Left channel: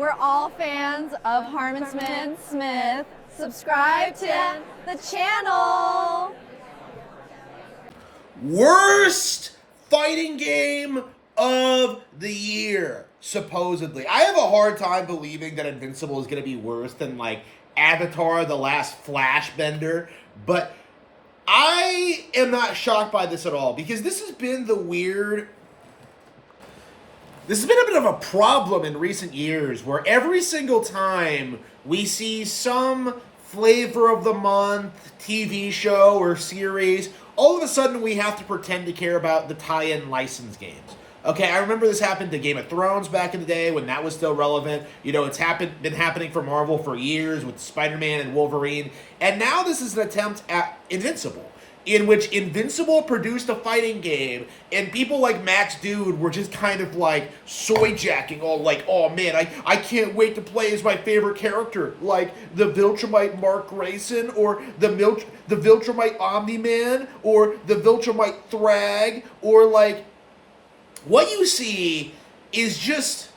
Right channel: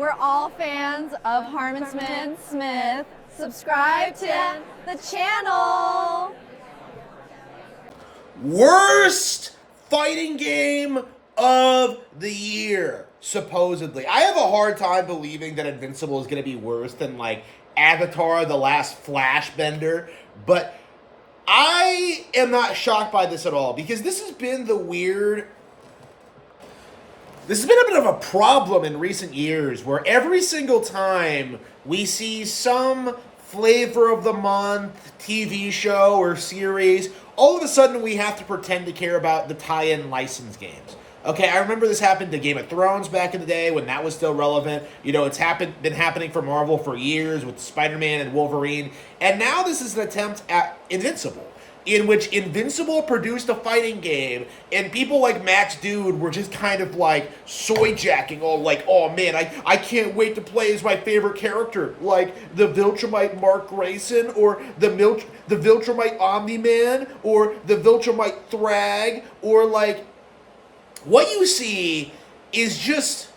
We're all fans of Harman Smith. Subscribe to the channel. Worst fighting game of the year, supposedly. I have a hard time believing that Invincible is going to be worse than, like, Avatar: The Last Flash Bender, but I am not shocked by this at all, because this has been a bit of a problem in recent years, where every single time we see some flavor of the month TV show or series, all of a sudden we have to pretend to care about the tie-in license games. Okay, I remember this happened to Game of Thrones back in the day when that was still relevant. You know, it's been happening for Marvel for years with Spider-Man and Wolverine. And now this is an attempt at Invincible, in which Invincible produced a fighting game, and people like Max Dude were just kind of like soy-jacking, all like, oh man, I can't wait to play as my favorite character, like the Viltrumite Mark Grayson, or the Viltrumite Omni-Man, or the Viltrumite Thrag, or like, what you see is just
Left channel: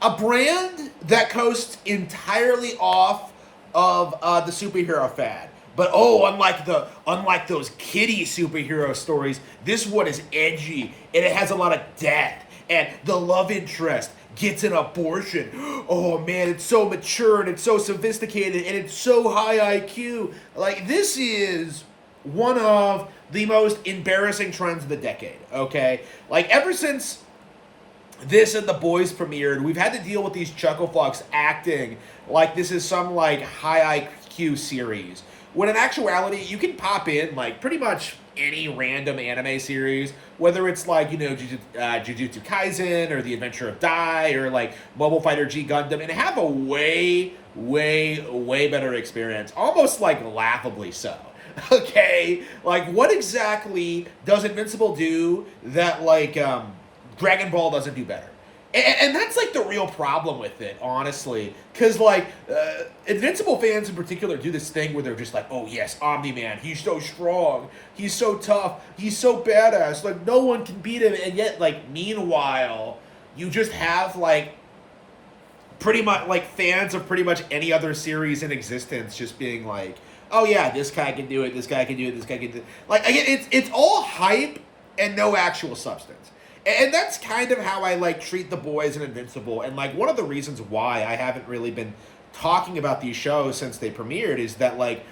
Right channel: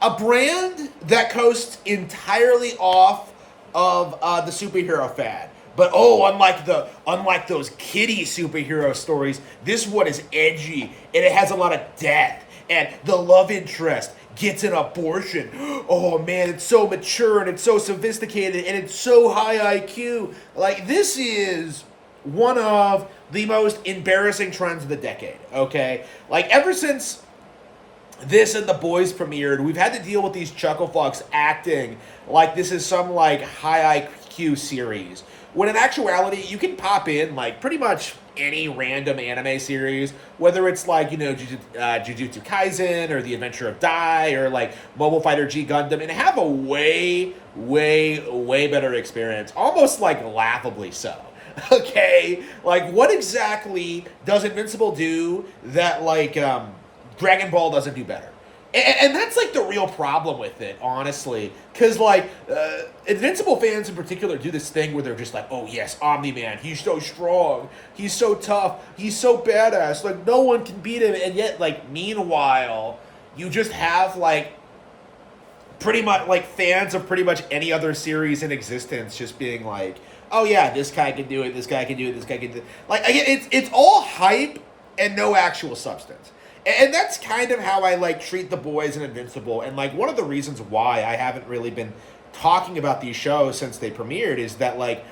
a brand that coasts entirely off of the superhero fad. But unlike those kiddie superhero stories, this one is edgy, and it has a lot of death, and the love interest gets an abortion. Oh man, it's so mature, and it's so sophisticated, and it's so high IQ. Like, this is one of the most embarrassing trends of the decade, okay? Like, ever since this and The Boys premiered, we've had to deal with these chuckle fucks acting like this is some, like, high IQ series, when in actuality, you can pop in, like, pretty much any random anime series, whether it's, like, you know, Jujutsu Kaisen, or The Adventure of Dai, or, like, Mobile Fighter G Gundam, and have a way better experience, almost, like, laughably so. Okay, like, what exactly does Invincible do that, like, Dragon Ball doesn't do better? And that's, like, the real problem with it, honestly. Because, like, Invincible fans in particular do this thing where they're just like, oh, yes, Omni-Man, he's so strong, he's so tough, he's so badass, like, no one can beat him. And yet, like, meanwhile, you just have, like, pretty much, like, fans of pretty much any other series in existence just being like, oh yeah, this guy can do it, this guy can do it, this guy can do it. Like, again, it's all hype and no actual substance. And that's kind of how I, like, treat The Boys and Invincible. And, like, one of the reasons why I haven't really been talking about these shows since they premiered is that, like,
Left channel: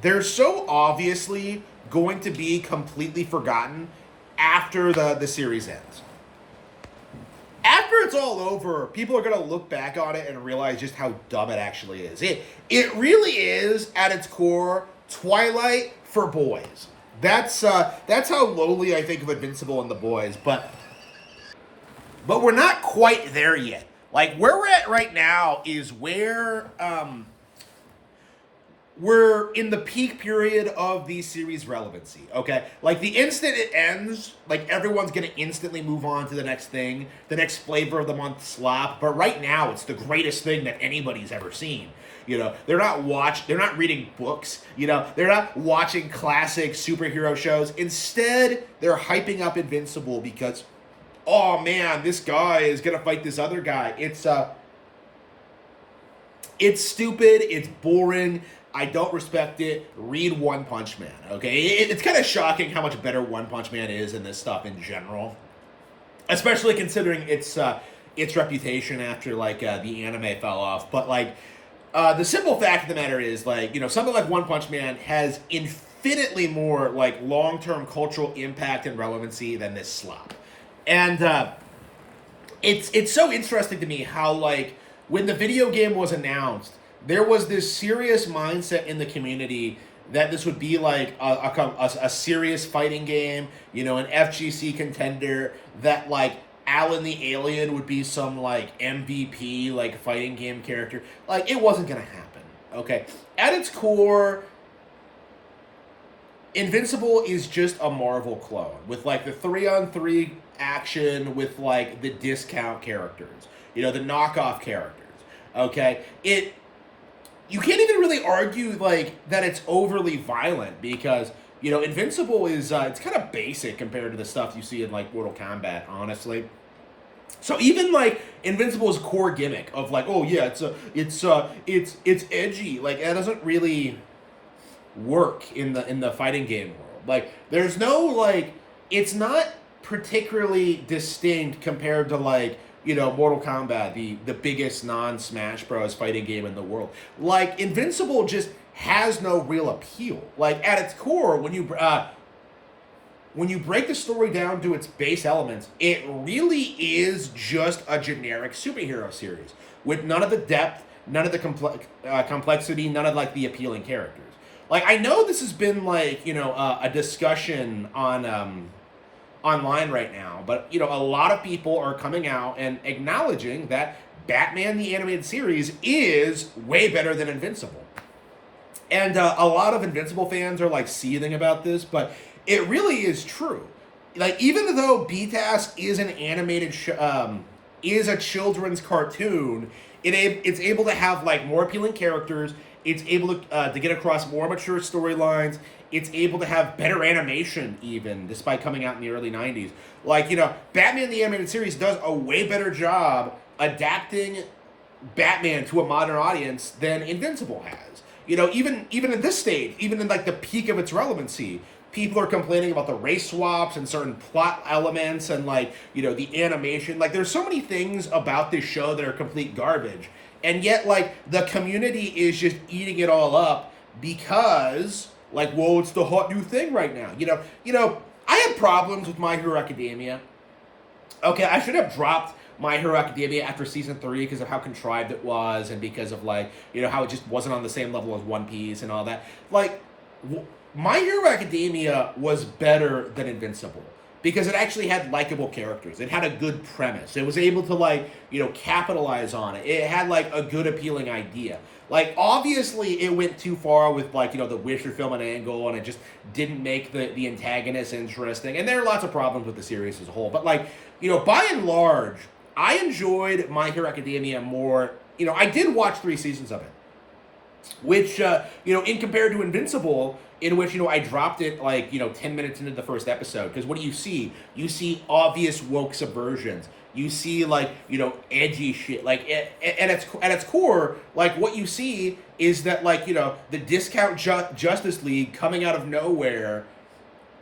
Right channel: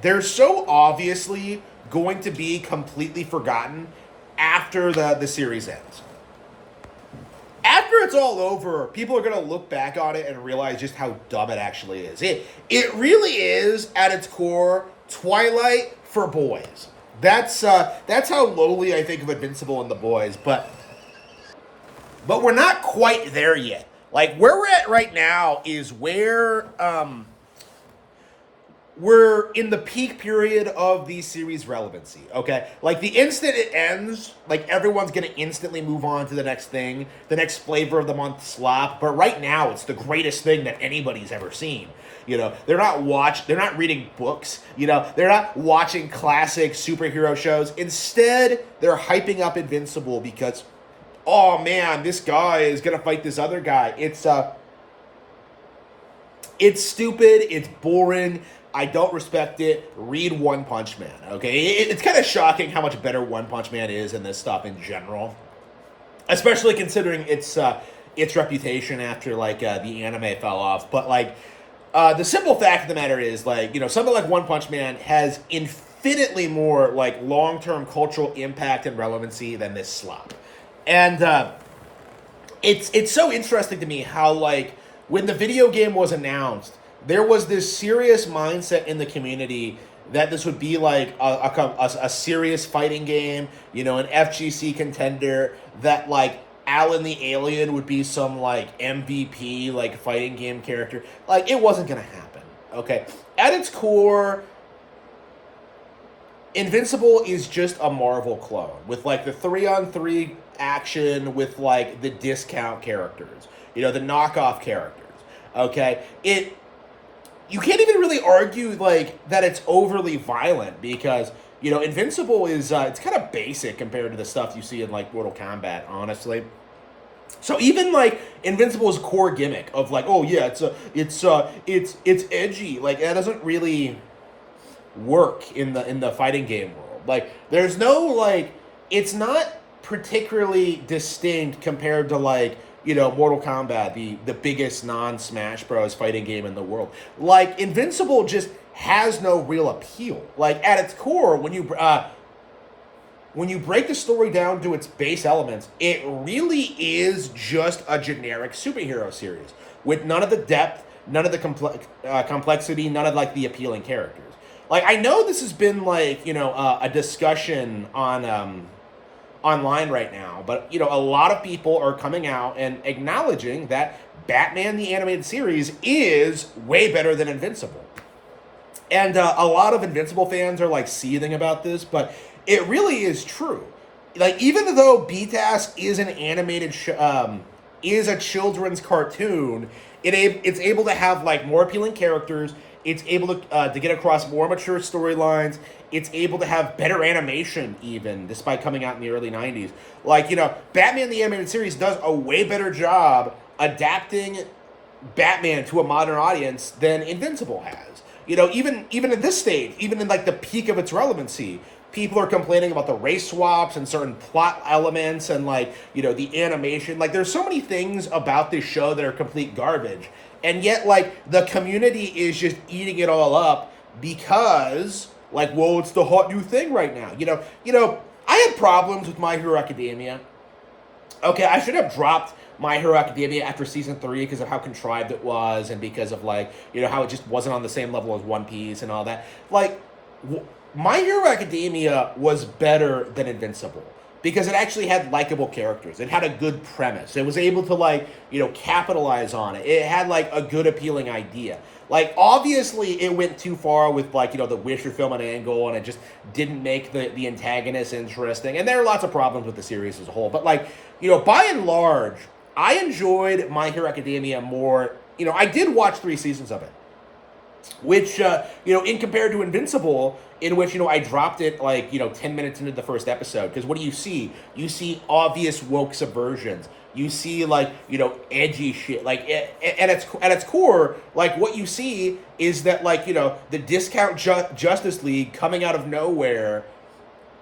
they're so obviously going to be completely forgotten after the series ends. After it's all over, people are going to look back on it and realize just how dumb it actually is. It really is, at its core, Twilight for boys. That's how lowly I think of Invincible and The Boys, but we're not quite there yet. Like, where we're at right now is where we're in the peak period of the series' relevancy, okay? Like, the instant it ends, like, everyone's gonna instantly move on to the next thing, the next flavor of the month slop, but right now, it's the greatest thing that anybody's ever seen. You know, they're not reading books, you know, they're not watching classic superhero shows. Instead, they're hyping up Invincible because, oh man, this guy is gonna fight this other guy. It's stupid, it's boring, I don't respect it. Read One Punch Man, okay? It's kind of shocking how much better One Punch Man is in this stuff in general, especially considering its reputation after, like, the anime fell off. But, like, the simple fact of the matter is, like, you know, something like One Punch Man has infinitely more, like, long-term cultural impact and relevancy than this slop. And it's so interesting to me how, like, when the video game was announced, there was this serious mindset in the community that this would be, like, a serious fighting game, you know, an FGC contender, that, like, Alan the Alien would be some, like, MVP, like, fighting game character. Like, it wasn't gonna happen, okay? At its core, Invincible is just a Marvel clone with, like, the 3-on-3 action with, like, the discount characters, you know, the knockoff characters, okay? You can't even really argue, like, that it's overly violent, because, you know, Invincible is, it's kind of basic compared to the stuff you see in, like, Mortal Kombat, honestly. So even like Invincible's core gimmick of like, oh yeah, it's edgy, like that doesn't really work in the fighting game world. Like there's no like, it's not particularly distinct compared to like, Mortal Kombat, the biggest non-Smash Bros. Fighting game in the world. Like Invincible just has no real appeal. Like at its core, when you break the story down to its base elements, it really is just a generic superhero series with none of the depth, none of the complexity, none of like the appealing characters. Like I know this has been like a discussion on online right now, but a lot of people are coming out and acknowledging that Batman the Animated Series is way better than Invincible. And a lot of Invincible fans are like seething about this, but it really is true. Like even though BTAS is an animated is a children's cartoon, it's able to have like more appealing characters. It's able to get across more mature storylines. It's able to have better animation even, despite coming out in the early 90s. Like, Batman the Animated Series does a way better job adapting Batman to a modern audience than Invincible has. Even in this stage, even in like the peak of its relevancy, people are complaining about the race swaps and certain plot elements and like, the animation. Like there's so many things about this show that are complete garbage. And yet like the community is just eating it all up because like, whoa, it's the hot new thing right now. I had problems with My Hero Academia. Okay, I should have dropped My Hero Academia after season 3 because of how contrived it was and because of like, how it just wasn't on the same level as One Piece and all that. Like, My Hero Academia was better than Invincible because it actually had likable characters. It had a good premise. It was able to like, capitalize on it. It had like a good appealing idea. Like, obviously, it went too far with, like, the Wisher film and angle, and it just didn't make the antagonist interesting. And there are lots of problems with the series as a whole. But, like, by and large, I enjoyed My Hero Academia more. I did watch 3 seasons of it. Which, in compared to Invincible, in which, I dropped it, like, 10 minutes into the first episode. Because what do you see? You see obvious woke subversions. You see, like, edgy shit. Like, at its core, like, what you see is that, like, the discount Justice League coming out of nowhere,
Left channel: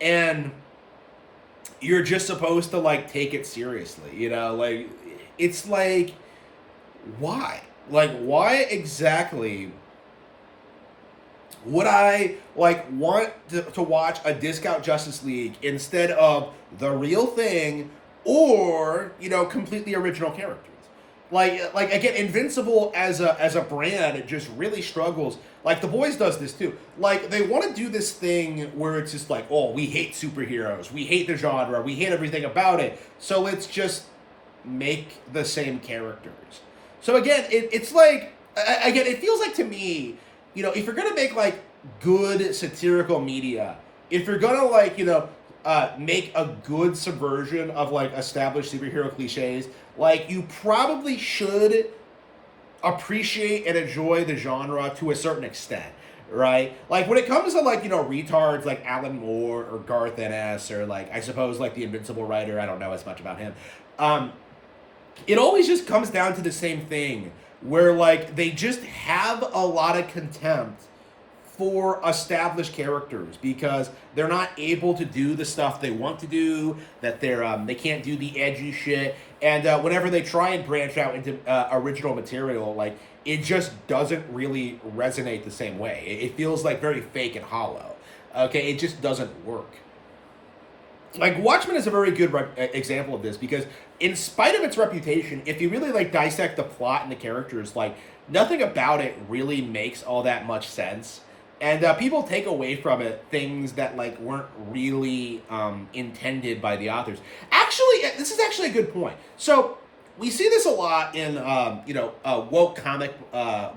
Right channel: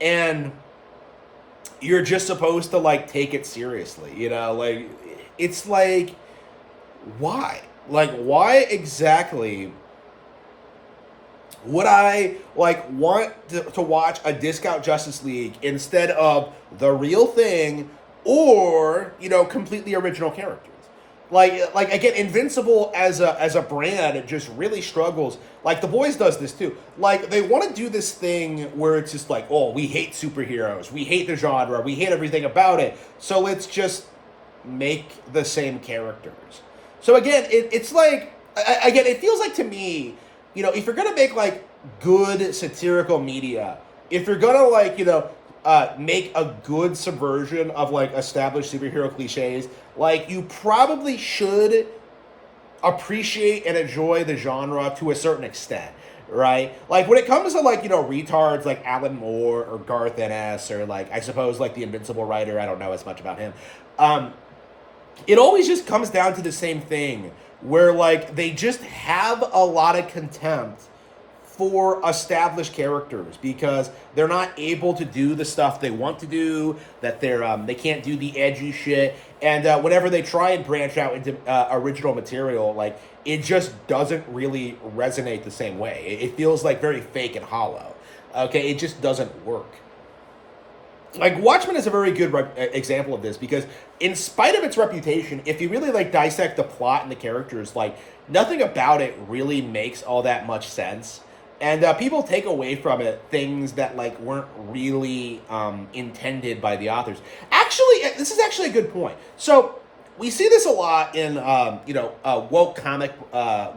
and you're just supposed to, like, take it seriously, Like, it's like, why? Like, why exactly would I, like, want to watch a discount Justice League instead of the real thing or, completely original characters? Like again, Invincible as a brand, it just really struggles. Like, The Boys does this too. Like, they want to do this thing where it's just like, oh, we hate superheroes, we hate the genre, we hate everything about it, so let's just make the same characters. So again, it's like, again, it feels like to me, if you're gonna make like good satirical media, if you're gonna like, make a good subversion of like established superhero cliches, like you probably should appreciate and enjoy the genre to a certain extent, right? Like when it comes to like, retards like Alan Moore or Garth Ennis or like, I suppose like the Invincible writer, I don't know as much about him. It always just comes down to the same thing where like they just have a lot of contempt for established characters because they're not able to do the stuff they want to do, that they can't do the edgy shit, and whenever they try and branch out into original material, like it just doesn't really resonate the same way. It feels like very fake and hollow. Okay, it just doesn't work. Like Watchmen is a very good example of this because in spite of its reputation, if you really like dissect the plot and the characters, like nothing about it really makes all that much sense. And people take away from it things that like weren't really intended by the authors. Actually, this is actually a good point. So we see this a lot in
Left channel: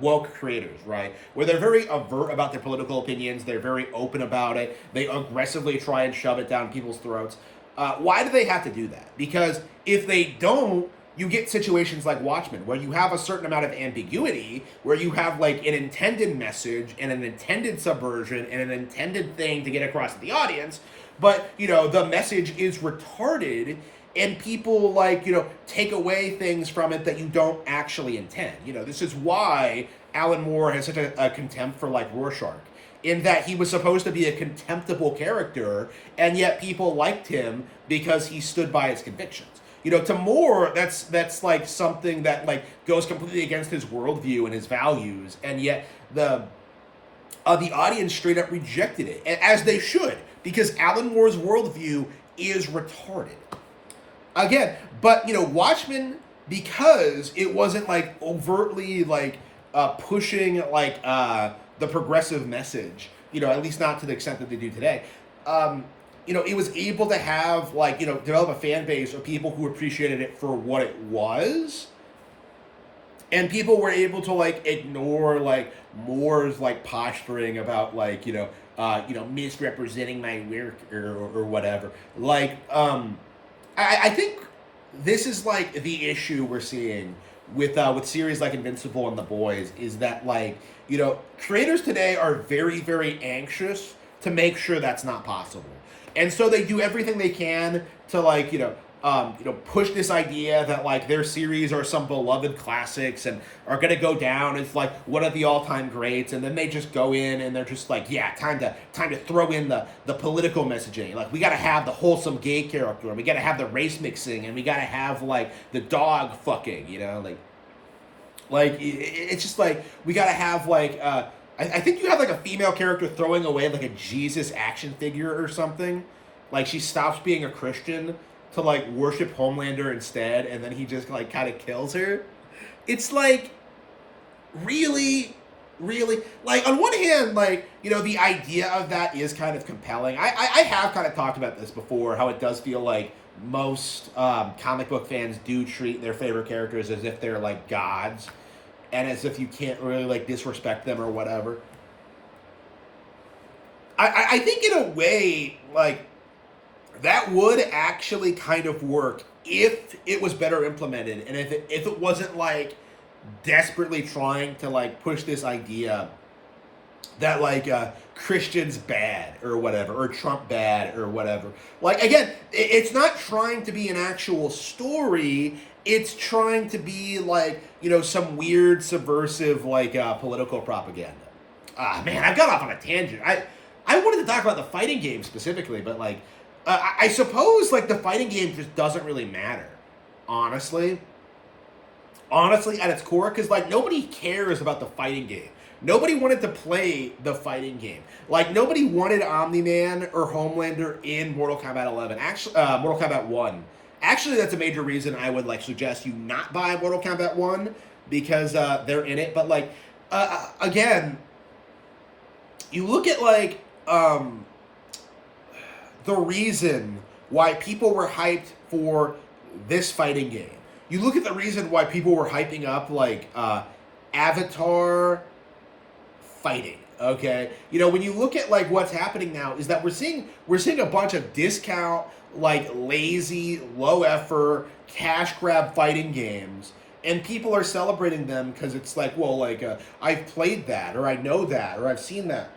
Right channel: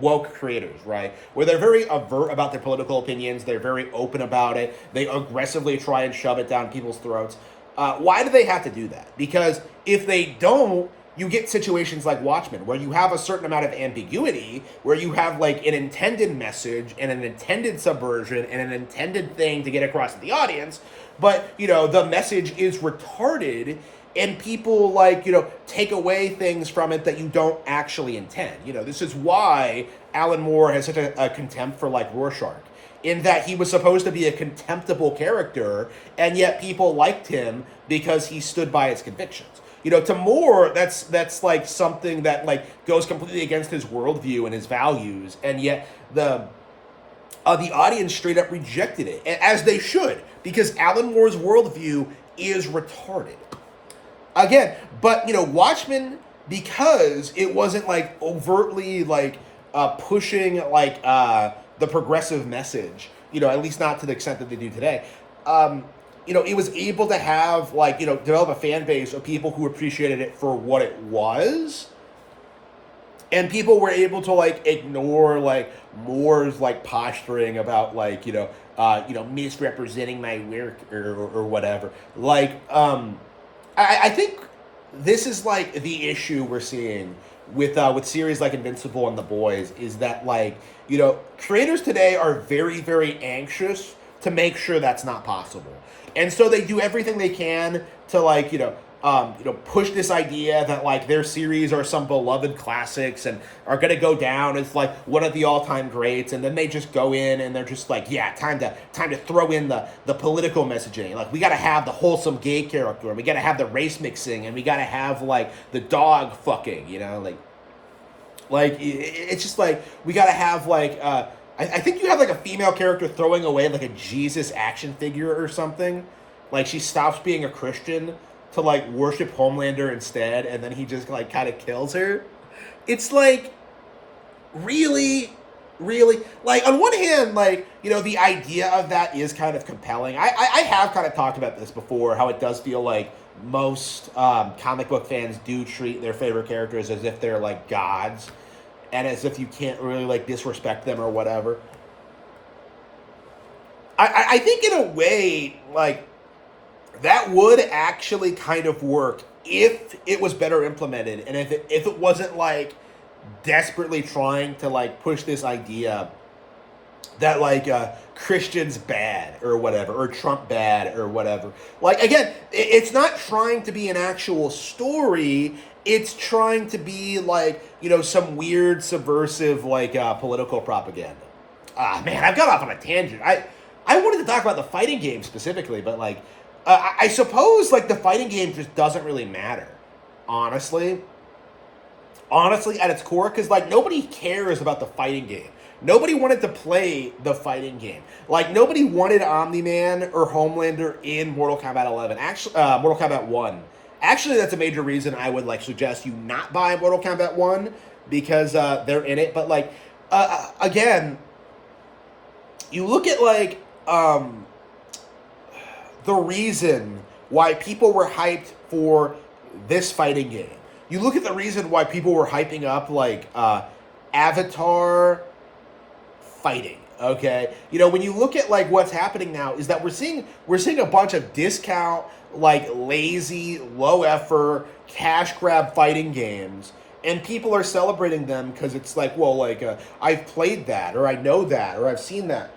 woke creators, right? Where they're very overt about their political opinions. They're very open about it. They aggressively try and shove it down people's throats. Why do they have to do that? Because if they don't, you get situations like Watchmen, where you have a certain amount of ambiguity, where you have like an intended message and an intended subversion and an intended thing to get across to the audience, but the message is retarded and people like, take away things from it that you don't actually intend. This is why Alan Moore has such a contempt for like Rorschach, in that he was supposed to be a contemptible character, and yet people liked him because he stood by his convictions. To Moore, that's like something that like goes completely against his worldview and his values, and yet the audience straight up rejected it, as they should, because Alan Moore's worldview is retarded. Again, but Watchmen, because it wasn't like overtly like pushing like the progressive message, at least not to the extent that they do today. It was able to have like, develop a fan base of people who appreciated it for what it was. And people were able to like ignore like Moore's like posturing about like, misrepresenting my work or whatever. Like, I think this is like the issue we're seeing with series like Invincible and The Boys, is that like, creators today are very, very anxious to make sure that's not possible. And so they do everything they can to like, push this idea that like their series are some beloved classics and are going to go down as like one of the all-time greats. And then they just go in and they're just like, yeah, time to throw in the political messaging. Like, we got to have the wholesome gay character, and we got to have the race mixing, and we got to have like the dog fucking, like it's just like, we got to have like, I think you have like a female character throwing away like a Jesus action figure or something. Like, she stops being a Christian to like worship Homelander instead, and then he just like kind of kills her. It's like, really, really, like, on one hand, like, the idea of that is kind of compelling. I have kind of talked about this before, how it does feel like most comic book fans do treat their favorite characters as if they're like gods, and as if you can't really like disrespect them or whatever. I think in a way, like, that would actually kind of work if it was better implemented, and if it wasn't like desperately trying to like push this idea that like Christians bad or whatever, or Trump bad or whatever. Like, again, it's not trying to be an actual story. It's trying to be like, some weird subversive like political propaganda. Man, I've got off on a tangent. I wanted to talk about the fighting game specifically, but like, I suppose like the fighting game just doesn't really matter, honestly, at its core, because like nobody cares about the fighting game. Nobody wanted to play the fighting game. Like, nobody wanted Omni-Man or Homelander in Mortal Kombat 11. Actually, Mortal Kombat 1. Actually, that's a major reason I would like suggest you not buy Mortal Kombat 1, because they're in it. But like, again, you look at like the reason why people were hyped for this fighting game. You look at the reason why people were hyping up like Avatar fighting. Okay, when you look at like what's happening now, is that we're seeing a bunch of discount, like, lazy, low effort, cash grab fighting games, and people are celebrating them because it's like, well, like I've played that, or I know that, or I've seen that.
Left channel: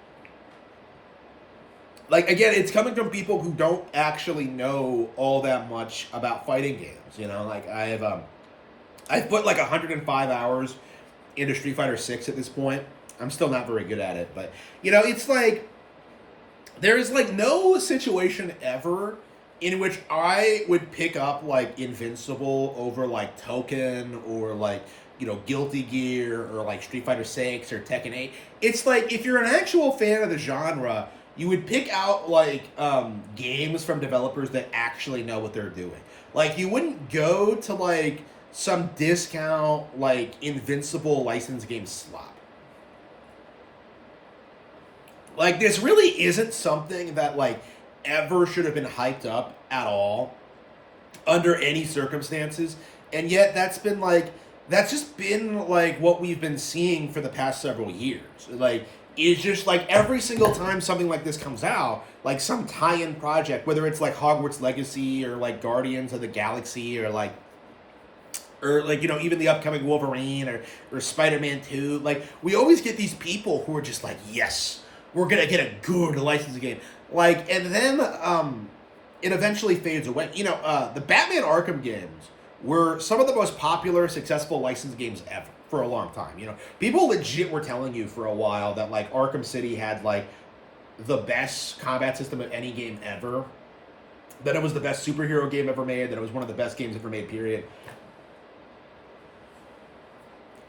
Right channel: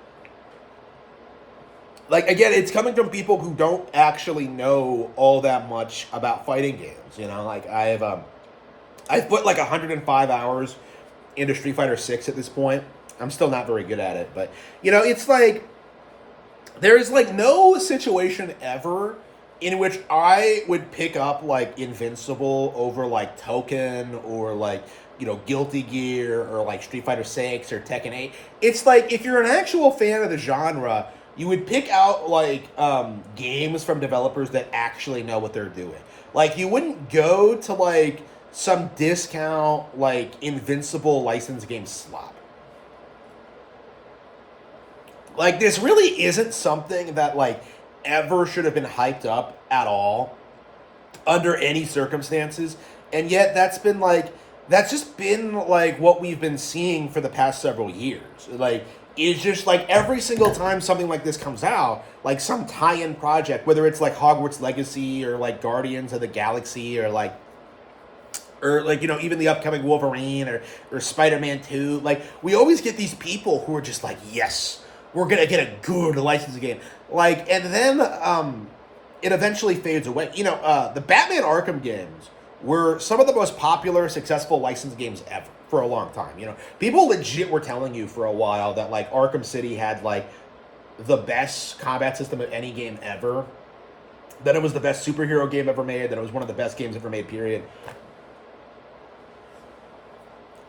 Like, again, it's coming from people who don't actually know all that much about fighting games. Like, I've put like 105 hours into Street Fighter 6 at this point. I'm still not very good at it, but it's like, there's like no situation ever in which I would pick up like Invincible over like Token, or like, Guilty Gear, or like Street Fighter 6 or Tekken 8. It's like, if you're an actual fan of the genre, you would pick out like games from developers that actually know what they're doing. Like, you wouldn't go to like some discount like Invincible licensed game slop. Like, this really isn't something that like ever should have been hyped up at all under any circumstances, and yet that's just been like what we've been seeing for the past several years. Like, it's just like every single time something like this comes out, like some tie-in project, whether it's like Hogwarts Legacy or like Guardians of the Galaxy, or like even the upcoming Wolverine or Spider-Man 2, like, we always get these people who are just like, yes, we're gonna get a good licensing game. Like, and then it eventually fades away. The Batman Arkham games were some of the most popular, successful licensed games ever for a long time. People legit were telling you for a while that like Arkham City had like the best combat system of any game ever. That it was the best superhero game ever made. That it was one of the best games ever made. Period.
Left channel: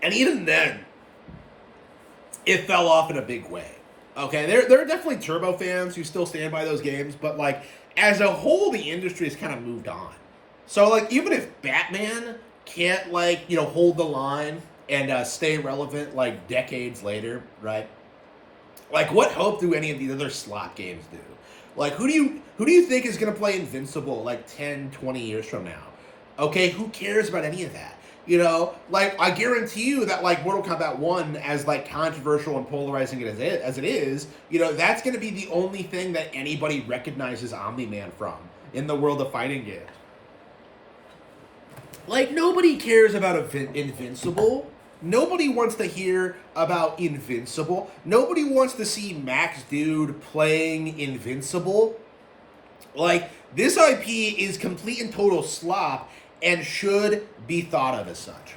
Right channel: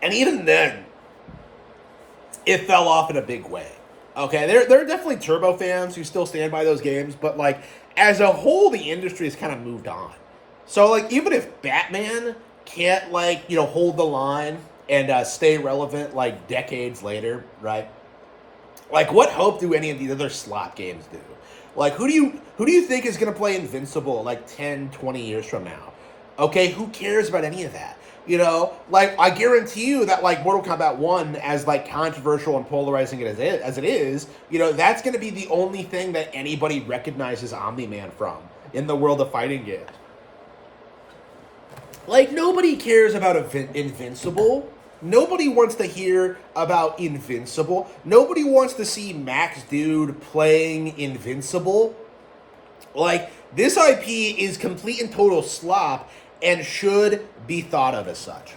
And even then, it fell off in a big way. Okay, there are definitely Turbo fans who still stand by those games, but like as a whole, the industry has kind of moved on. So like even if Batman can't like hold the line and stay relevant like decades later, right? Like what hope do any of these other slot games do? Like who do you think is going to play Invincible like 10, 20 years from now? Okay, who cares about any of that? Like I guarantee you that like Mortal Kombat 1, as like controversial and polarizing as it is, that's going to be the only thing that anybody recognizes Omni-Man from in the world of fighting games. Like nobody cares about Invincible. Nobody wants to hear about Invincible. Nobody wants to see Max Dude playing Invincible. Like this IP is complete and total slop and should be thought of as such.